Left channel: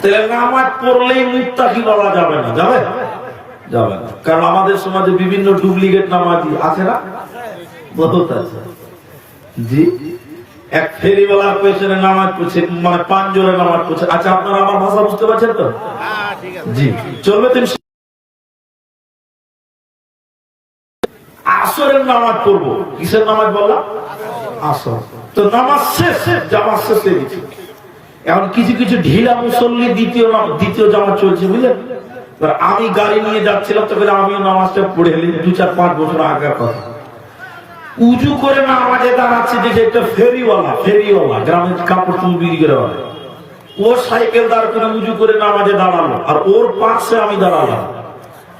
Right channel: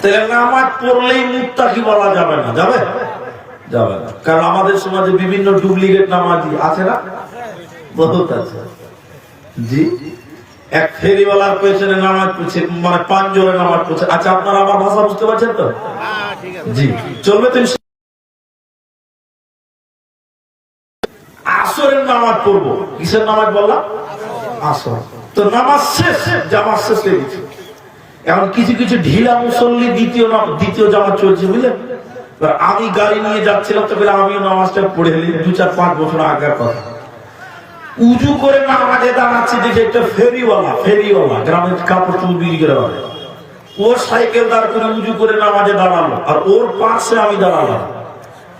তাহলে নামাজ পড়লেই মুত্তাকি বলা যাবে না, যাবে যাবে না। কারণ আমাদের সমাজে বিভিন্ন ডুপ্লিকেট নামাজি আছে না, বহুত আছে। জি, এক ফেরিওয়ালার পেছনে নামাজ পড়ছে, মানে 5 জনে নামাজ পড়ছে। আচ্ছা, আপনারা আমার ভাষা বুঝতে পারছেন তো? জি, চলবে তো। আসরের নামাজ পড়বো, কিসের নামাজ বললাম? আসর। তো নামাজ শেষ, জামাত শেষ হয়ে গেছে। এখন কিছু কিছু ঢিলা মুসল্লি দ্বিতীয় জামাত চলছে, বুঝলেন? আমি গাড়ি নিয়ে যাচ্ছিলাম, তবে আমিও নামাজটা পড়ে এলি 2-4-5 বছর আগের কথা। উজু করে নামাজে দাঁড়াচ্ছে, দেখে একটা ফেরিওয়ালা গ্রামের কাপড় চুল বিক্রি করে বেড়ায়। ও সাইকেল দাঁড় করে উজু করে নামাজে দাঁড়ালো, আর ওর পাশে আমি দাঁড়ালাম।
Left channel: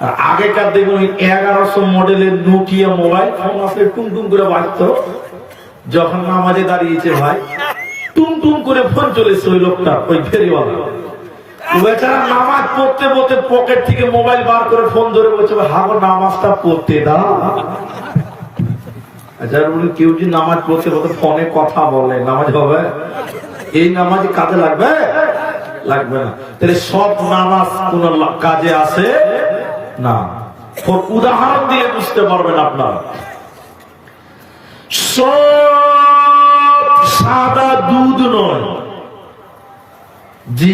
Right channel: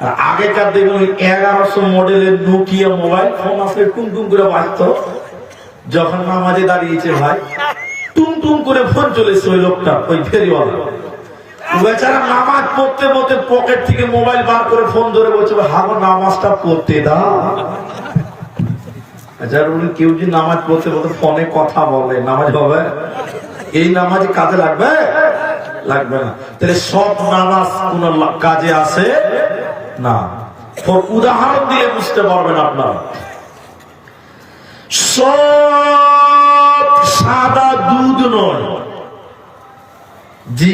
আর আগেকার দেখুন 1100 মডেলের নোকিয়া মোবাইল ফোন আসলে টুমটুম করে বাজতো। যখন নামাজে দাঁড়িয়েছে ভাই, টুমটুম করে ফোন চলেছে ওই লোকটা, ওই ফেরিওয়ালা। বেচারা নামাজ পড়তে পড়তে পকেট থেকে মোবাইল বার করে ফোন ধরে বলছে, হাগো নামাজটা পড়তে দাও। আচ্ছা, কেউ যদি নামাজ পড়তে পড়তে ফোনে কথা বলে, নামাজ হবে? এই নামাজ কাজে লাগবে? লাগবে না। তাহলে সব নামাজ কোন কাজে আসে না। উদাহরণ দিয়ে বুঝতে পারবেন আপনারা। সব সাদা দুধ নয়। জি,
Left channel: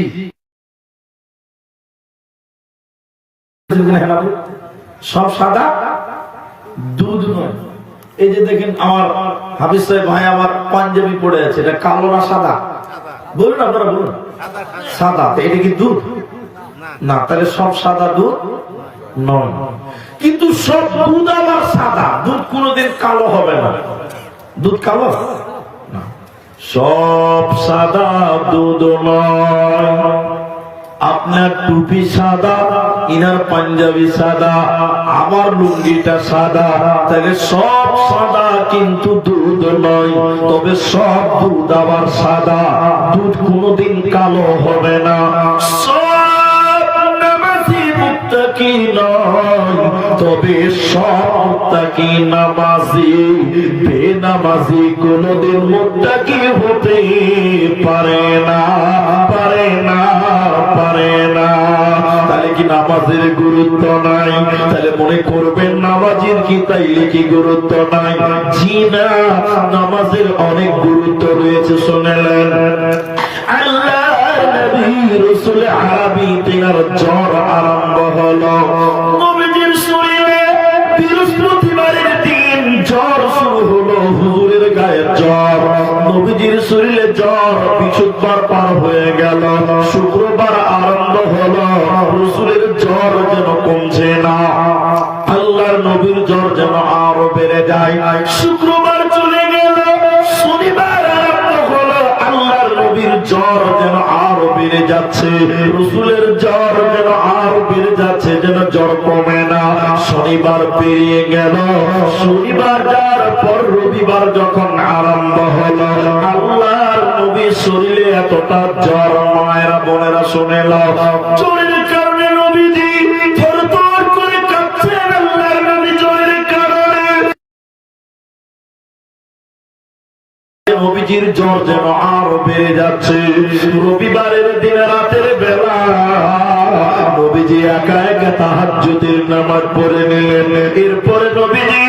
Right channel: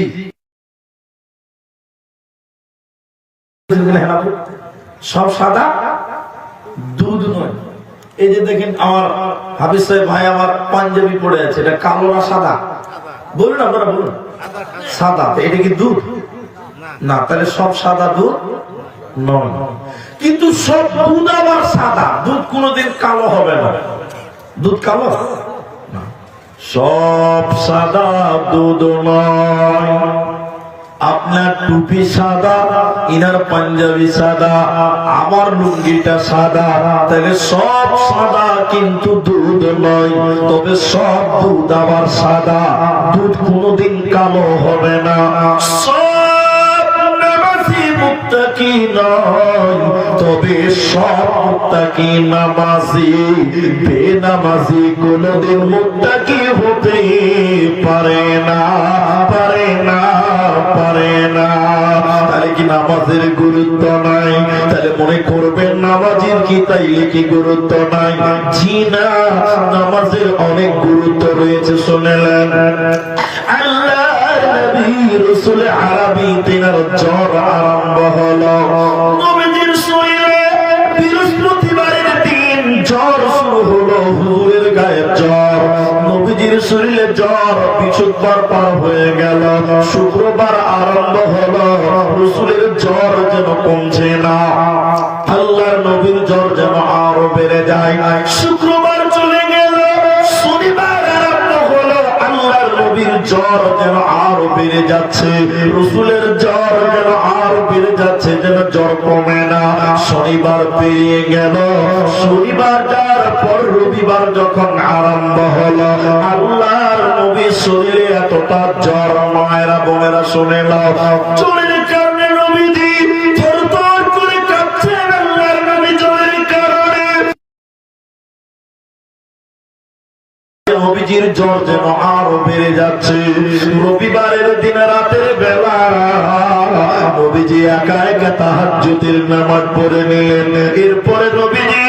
সব সাদা দুধ নয়। এই যে দেখেন আমার হাফিজ সাহেব ভাই আমার পাঞ্জাবি পড়ে আছে, এটা কালো না সাদা? বলুন আপনারা, বলুন। সাদা, এটা কি দুধ? না। তাহলে সব সাদা দুধ নয়। কিন্তু সব দুধ আবার সাদা। দুধ কোনোদিন কালো হবে না। দুধ কালো না। সব সাদা দুধ নয়। আপনার টুপি সাদা, ইনার পাঞ্জাবি সাদা, আমার লুঙ্গিটা সাদা। তাহলে সব সাদা কিন্তু দুধ নয়। তবে সব দুধ আবার সাদা। দুধ কোনোদিন কালো হবে না। সব নামাজি মুত্তাকি নয়। তবে সব মুত্তাকি নামাজি। বেনামাজি কোনোদিন মুত্তাকি হতে পারে না, পারে না, পারে না। তাহলে কি নামাজের গুরুত্ব নাই? তাহলে মনে করবেন নামাজের কি তাইলে কি গুরুত্ব নাই? জি না, নামাজের অনেক গুরুত্ব রয়েছে। শুনলেন, আল্লাহর নবী রাসূল আরবী তেনার জ্বর আরম্ভ হলো। নবীজির শরীরে বৃহস্পতিবারের দিন জ্বর শুরু হলো। হুজুরের গায়ে জ্বর, নবীজির শরীরে জ্বর। বিশুদ্ধবার পার হয়ে গেল, শুক্রবার আরম্ভ হলো। রাসূলের জ্বর যেন কমছে না, আল্লাহর নবীর জ্বর যেন আরো বেড়ে যায়। শুক্রবার চলে গেল, শনিবার আরম্ভ হলো। আল্লাহর নবীর জ্বর যেন আরো বেড়ে যাচ্ছে, রাসূলের জ্বর যেন আরো বেড়ে যাচ্ছে, যেন জ্বর কমে না। শনিবার পেরিয়ে গেল, শনিবার যাওয়ার পর রবিবার যখন আরম্ভ হলো, আল্লাহর নবীর শরীরে এতটা জ্বর। মায়েরা বোনেরা শুনে নাও, জ্বরের কারণে নবীজি থরথর করে কাঁপছেন। আল্লাহর নবী জ্বরের কারণে, নবীজির জ্বর যেন আরো বেড়ে যাচ্ছে। রবিবারের দিন রাতের বেলা নবীজি একা একা তাহাজ্জুদের নামাজ পড়ে নিলেন। এরপরে নবীজি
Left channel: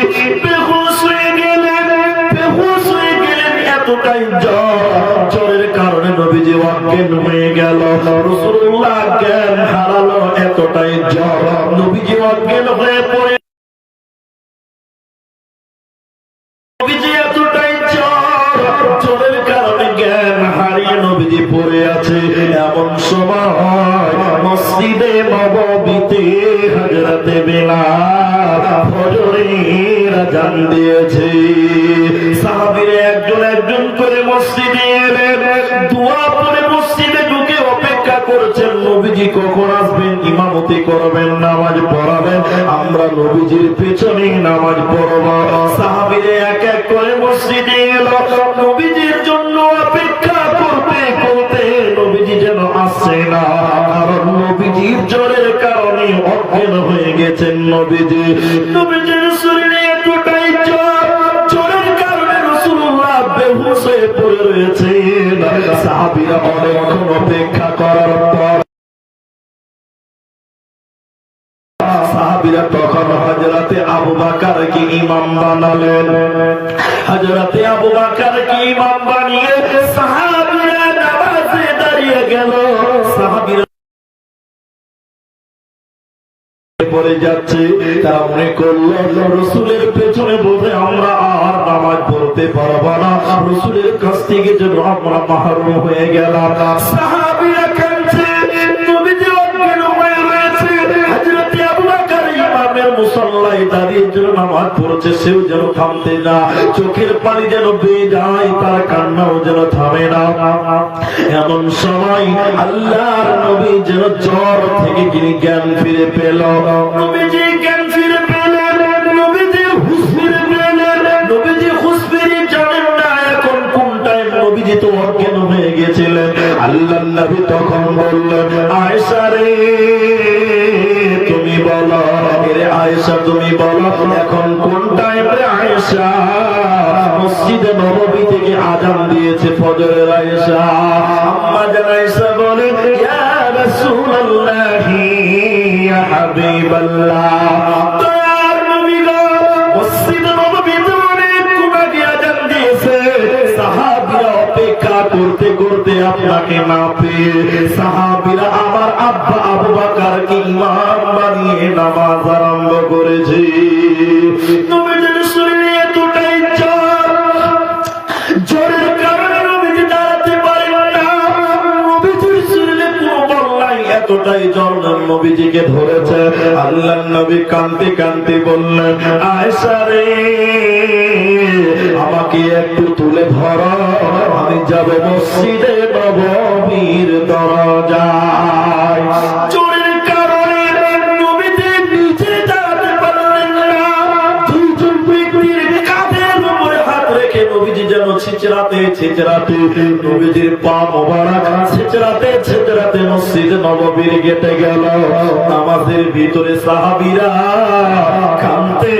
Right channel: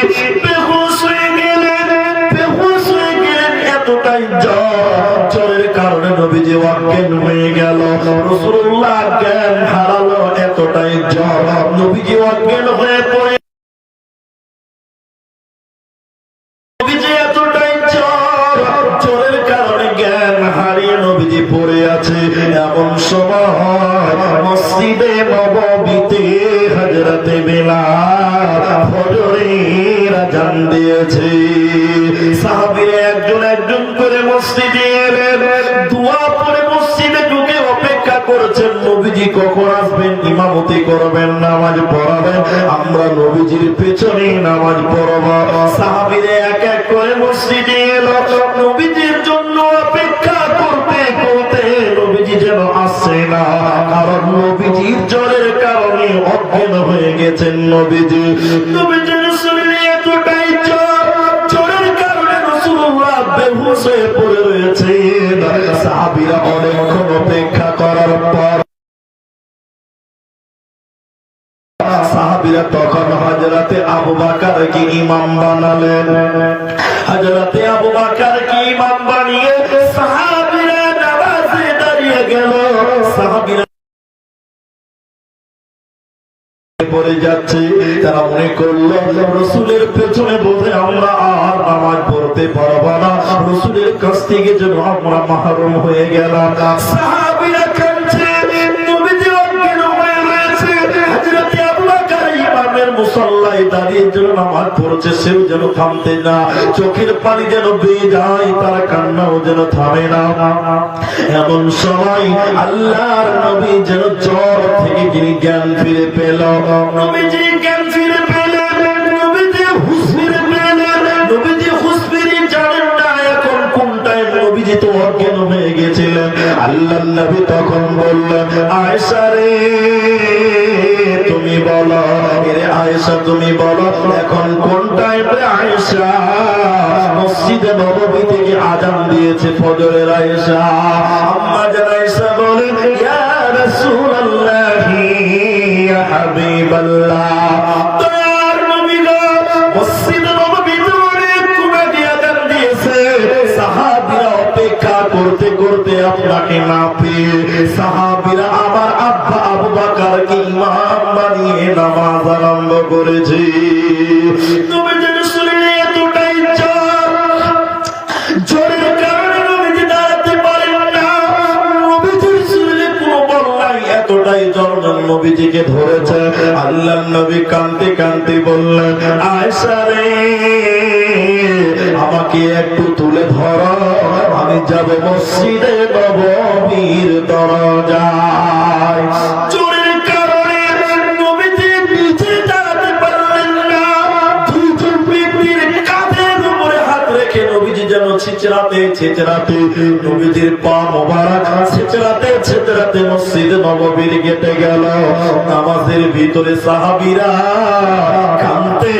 বেহুশ হয়ে গেলেন, বেহুশ হয়ে গেলেন। এতটাই জ্বর, জ্বরের কারণে নবীজি অজ্ঞান হয়ে গেল। রাসূলুল্লাহ জ্ঞান হারালো, এতটাই জ্বর। নবীজি অজ্ঞান হয়ে পড়ে, নবীজি এতটাই জ্বর, জ্বরের কারণে জ্ঞান হারিয়ে নবীজি পড়ে আছে। এমন সময় মসজিদে নববীতে হযরতে বেলাল ফজরের আযান দিয়েছে। সাহাবীরা একজন একজন করে মসজিদে এলেন, দোয়া পড়ে মসজিদে ঢুকে অপেক্ষা করছেন নবীজি কখন আসবেন, ইমামতি করবেন, নামাজ পড়াবেন, আমরা নবীজির পেছনে নামাজ পড়ব। সাহাবীরা এক এক করে মসজিদে এলো, নবীজির জন্য অপেক্ষা করতে করতে নবীজি যেন আসছে না। কারণ নবীজির জ্বরের কারণে অজ্ঞান হয়ে গেছেন নবীজি। নবীজির শরীরে এতটাই জ্বর, জ্বরের কারণে রাসূলুল্লাহ বেহুশ হয়ে পড়ে রয়েছে। সাহাবীরা অনেকক্ষণ অপেক্ষা করার পর সাহাবীরা তখন হযরতে আবু বকরকে ইমাম বানালেন। হযরতে আবু বকরকে ইমাম বানিয়ে সাহাবীরা নামাজে দাঁড়িয়ে গেল। সাহাবীরা পড়ে যাচ্ছে, তারা মনে করলো রাসূলের পেছনে বসে আমরা আর নামাজ পড়তে পারবো না, রাসূলের কাছ থেকে যে আমরা মাহরুম হয়ে গেলাম। সাহাবীরা কাঁদছে, নবীজি অজ্ঞান হয়ে রয়েছে। হযরতে আবু বকর ইমামের মুসল্লায় দাঁড়িয়ে যে নামাজ পড়ছে, সেও যেন থামতে না, চোখের পানি যেন বেয়ে যায়, তার কান্নাও যেন থামে না। এমন সময় আল্লাহর নবী যেন জ্বর থেকে তিনি জ্ঞান ফিরে পেল। নবীজি জ্ঞান ফিরে পেলেন, নবীজি হুঁশ ফিরে পেলেন। নবীজি হুঁশ ফিরে জানেন না এখন কোন টাইম, নবীজি তো অজ্ঞান হয়ে গেছিলেন। আল্লাহর নবী তখন বললেন, আয়েশা রে তুমি বলো, রে আয়েশা তুমি বলো এখন কোন টাইম রে আয়েশা? মসজিদে নববী থেকে আযান দিয়েছে ফজরের। আয়েশা আম্মা জান আয়েশা বলেন, ইয়া রাসূলুল্লাহি ইয়া হাবিবাল্লাহ, দয়ার নবী গো মসজিদে নববীতে অনেকক্ষণ আগে আযান দিয়েছে, সাহাবীরা অপেক্ষা করতে করতে আপনাকে না পেয়ে সাহাবীরা আমার আব্বা আবু বকরকে ইমাম বানিয়ে নামাজ আরম্ভ করেছে। নবীজির শরীরে এতটাই জ্বর, জ্বরের কারণে নবীজি দাঁড়াতে পারেন না। নবীজির শরীরে কোনো বল নাই, এতটাই জ্বর নবীজিকে ধরেছে। আল্লাহর নবী কাঁদতে কাঁদতে বললেন, আয়েশা রে আমাকে একটু তুলে ধরো, আমি যাব মসজিদে নববীর দরজায়। জ্বরের কারণে নবীজি নিচে দাঁড়াতে পারলেন না। দুইজন ব্যক্তির কাঁধের উপরে হাত রেখে নবীজি যেন ছিচড়াতে ছিচড়াতে নবীজির পা মোবারক ছিচড়াতে ছিচড়াতে মসজিদে নববীর গেটে গেল। নামাজের ভিতরে সাহাবীরা কাঁদতে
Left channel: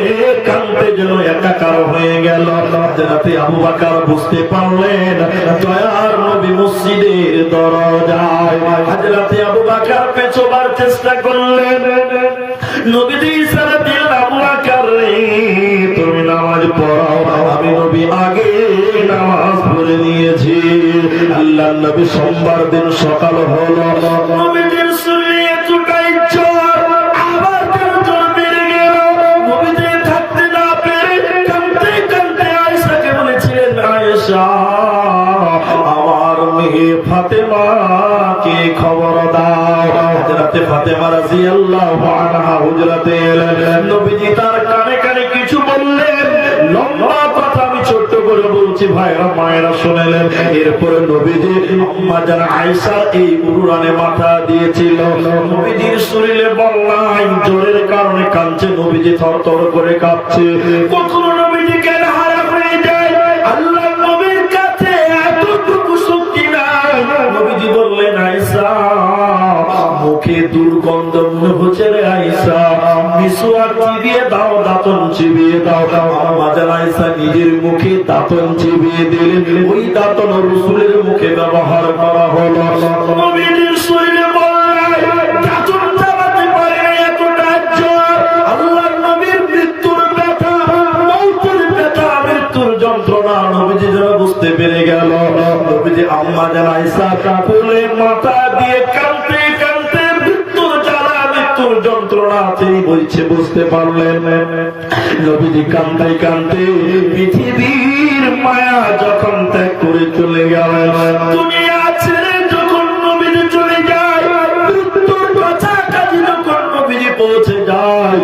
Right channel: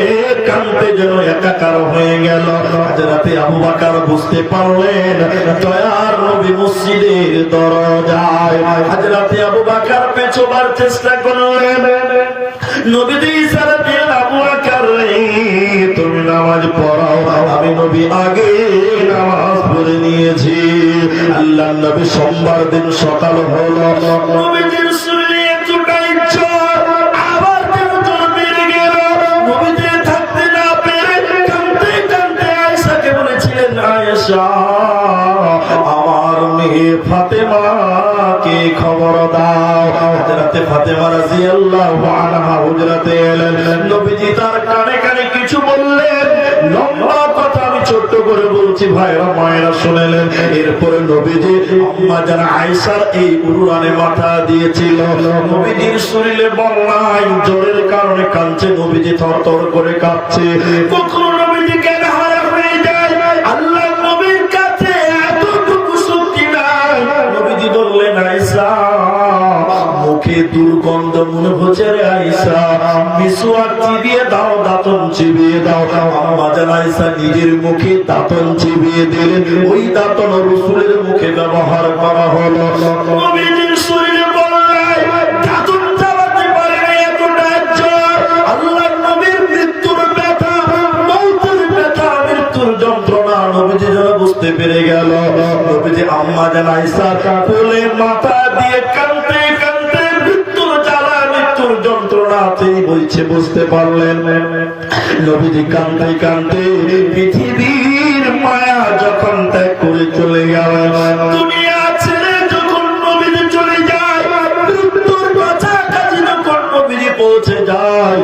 কাঁদতে যেন একাকার হয়ে গেল। হযরতে আবু বকর বুঝতে পারলেন দয়ার নবী মসজিদের দরজায়। হযরতে আবু বকর পেছোবার চেষ্টা করলেন। নবীজি ইশারা দিলেন, আবু বকর রে তুমি নামাজ পড়াও, আমি নবী আগে নামাজ পড়ে নিয়েছি। আল্লাহর নবী সোমবার দিন সকাল হলো, নবীজির শরীরে এতটাই জ্বর, আবার যেন জ্বর বেড়ে গেল। নবীজি থাকতে না পেরে কাঁদতে কাঁদতে আয়েশাকে বলেছিলেন, আয়েশা আমার মেয়ে ফাতেমাকে খবর দাও। হযরতে ফাতেমা রাদিয়াল্লাহু আনহা হুজরাতে এলেন। নবীজি তার কানে কানে কিছু বললেন, লম্বা কথা আমি ছোট্ট করে বলছি, ভাইরা মায়েরা শুনলেন। এরপরে নবীজি আম্মা জান আয়েশার এই উরুরানে মাথা দিয়েছিল। নবীজির শরীরে বল নাই, জ্বরের কারণে কাঁদছে, নবীজি থরথর করে কাঁপছে। কখনো নবীজি জ্ঞান হারা হয়ে যায়, আল্লাহ নবীর কাছে এতটুকু শক্তি নাই। নবীজি বললেন, আয়েশা মুখে দুর্গন্ধ মনে হচ্ছে রে আয়েশা, মিসওয়াক চিবিয়ে দাও, দাঁতন চিবিয়ে দাও। আম্মা জান আয়েশা নিজের মুখে দাঁতন চিবিয়ে দিলেন। ওই দাঁতন রাসূলের মুখে ব্যবহার করা হলো। নবীজির শরীরে বল নাই, দাঁতন চালাতে পারে না, এতটা জ্বর। আল্লাহর নবীর মৃত্যুর ব্যথা, মৌতের ব্যথা, মৃত্যুর যন্ত্রণা নবীজি যেন বুঝতে পেরে গেল। নবীজি আম্মা জান আয়েশা কোলে মাথা দিয়ে কাঁদতে কাঁদতে মৃত্যুর জ্বালা, মৃত্যুর যন্ত্রণা তিনি বলছে বুঝতে পারলেন। নবীজি কাঁদতে কাঁদতে পৃথিবীর মায়া যখন ত্যাগ করে চলে গেলেন, দুনিয়া ছেড়ে যখন নবীজি চলে যায়, মৃত্যুর কাছাকাছি যখন নবীজি পৌঁছে যায়,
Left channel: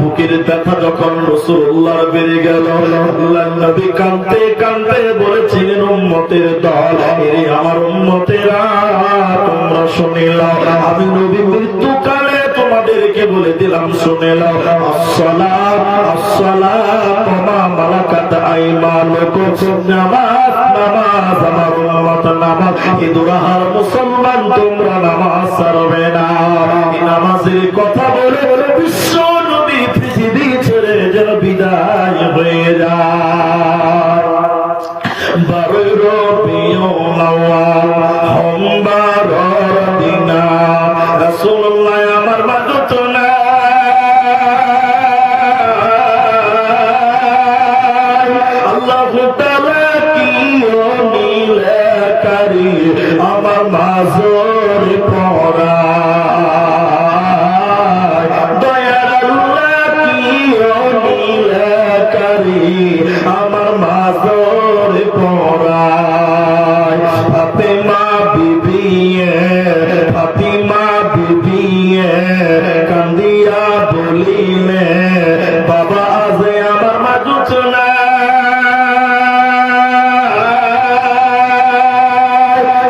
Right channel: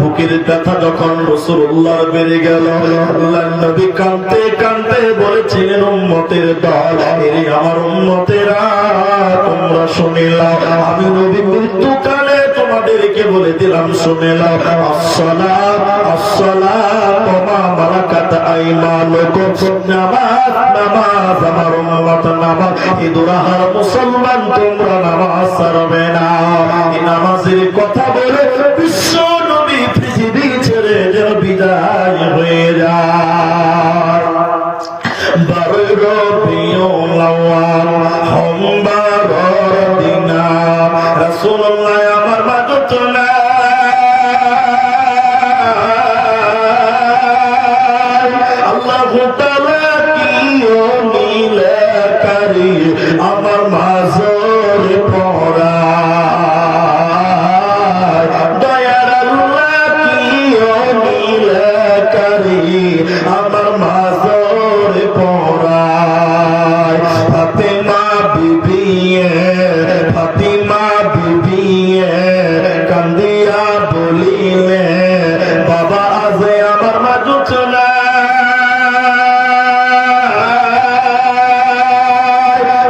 বুকের ব্যথা যখন রাসূলুল্লাহর বেড়ে গেল, আল্লাহর নবী কাঁদতে কাঁদতে বলেছিলেন, উম্মতের দল, এরে আমার উম্মতেরা তোমরা শুনে নাও, আমি নবী মৃত্যুকালে তোমাদেরকে বলে দিলাম শুনে নাও, আসসালাত আসসালাত মা মালাকাত আইমানুকুম, নামাজ নামাজ আমার উম্মত নামাজ, ইদুরাহা মুসলমান তোমরা নামাজ ছাড়বে না। এই নামাজের কথা বলে বিশ্ব নবী পৃথিবী ছেড়ে যেন বিদায় হয়ে যায়। 12 রবিউল আউয়াল সোমবার দিনা রাসূলুল্লাহ আমার মাগতো না মাজর পড়ায় দয়ার আল্লাহ কি নীলকারী আমার মাজর পড়ায় ফাতেমা বিবি কান্দিয়া বলিলে বাবা আজ আমার মাঝু চলে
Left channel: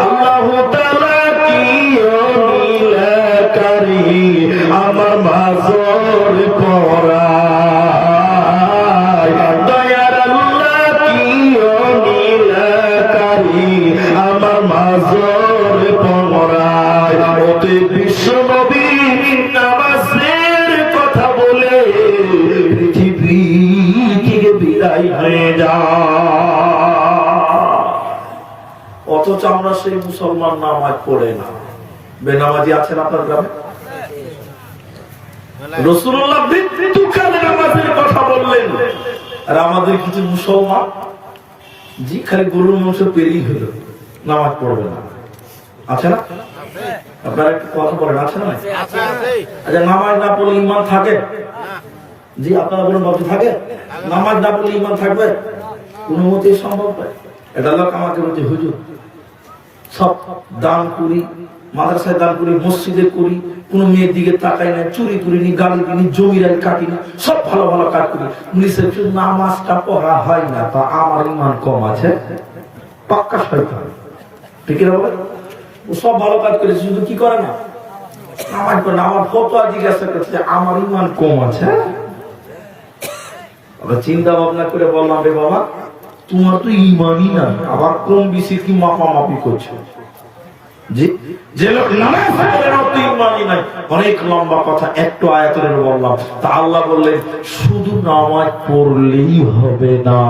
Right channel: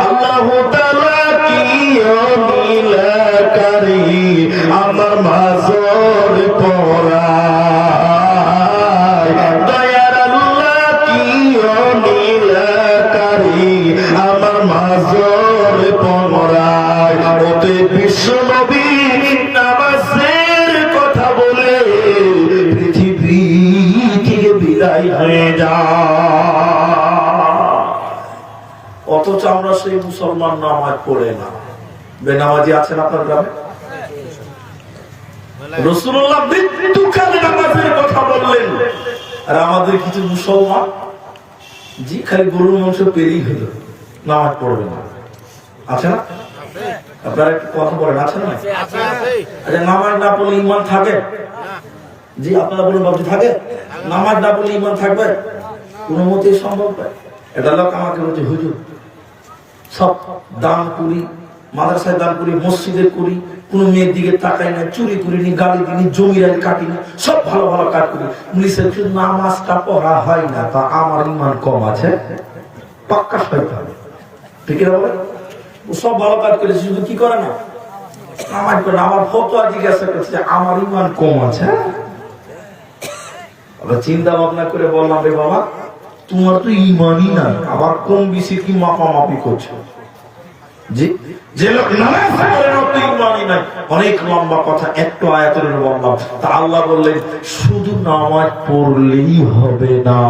আল্লাহু তাআলা কি নীলকারী আমার মাজর পড়ায় দয়ার আল্লাহ কি নীলকারী আমার মাজর পড়ায় ওতে বিশ্ব নবী নামাজের কথা বলে পৃথিবী থেকে বিদায় হয়ে যায়, অথচ আমরা সেই মুসলমান নামাজ পড়ে না। বেনামাজি আছেন আপনার গ্রামে? রাসূলুল্লাহ মৃত্যুকালে নামাজের কথা বললেন, আর আমাদের কিছু মুসলমান জি খালি গরুর মাংস পেলেই হলো, নামাজ পড়বে না। আছে না? আপনারা একটু কথা বলেন, আছে না? আচ্ছা, নামাজ না পড়লে ঈমান থাকে? জি আপনারা বলুন বাবু, থাকে? নামাজ না পড়লে ঈমান থাকবে? কোনো মতেই সম্ভব নয়। এটা লোক আমাকে বলছে, হুজুর সব দান করি, মাদ্রাসায় দান করি, মসজিদে করি, কোন মেয়ের দিকে তাকাই না, চুরি করিনি, গালি দিনি, জমির আইল কাটিনি, সব ভালো ভালো কাজ করি, নামাজটা পড়া হয় না, তা আমার ঈমান কম আছে? পাক্কা শয়তান, ঠিক না? বলে ও সব ভালো কাজ করেছে, শুধু কি করে না নামাজ পড়ে না। আমার ফতোয়া জিজ্ঞাসা করছে আমার ঈমান কম আছে। চিন্তা ভাবনা করে বললাম, রে বাবা তোমার তো ঈমানই না, আবার কম বেশি কি মাপামাপি করছো? যে লোক নামাজ পড়ে না তো ঈমানই নাই। অনেক লম্বা কথা, একটু আয়াতের বললাম। তা আল্লাহ বললেন শুধু নামাজ পড়লেই হবে না।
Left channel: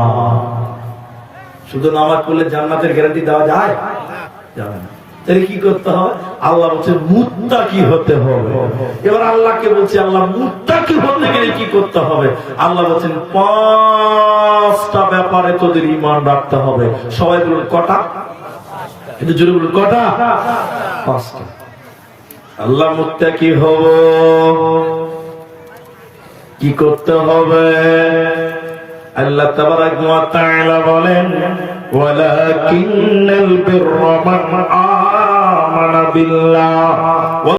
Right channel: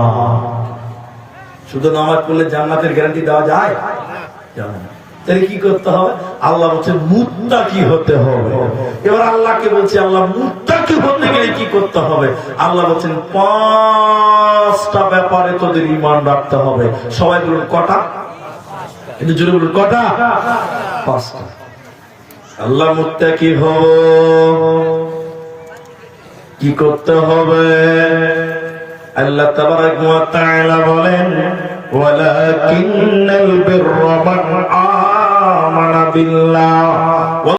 শুধু নামাজ পড়লে জান্নাতের গ্যারান্টি দেওয়া যায়? যাবে না। তাহলে কি করতে হবে? আল্লাহ বলছে মুত্তাকি হতে হবে। এবার আল্লাহকে বলছে আল্লাহ মুত্তাকি হতে গেলে কি করতে হবে? আল্লাহ বলছেন 5টা ব্যাপারে তোদের ঈমান রাখতে হবে। সবাই বলুন কটা? কিন্তু জোরে বলুন কটা? 5টা। আল্লাহ মুত্তাকি হব, কি করতে হবে? আল্লাহ তাবারাক ওয়া তাআলা বলেন ওয়ালাকিন্নাল বিররা মান আমানা বিল্লাহ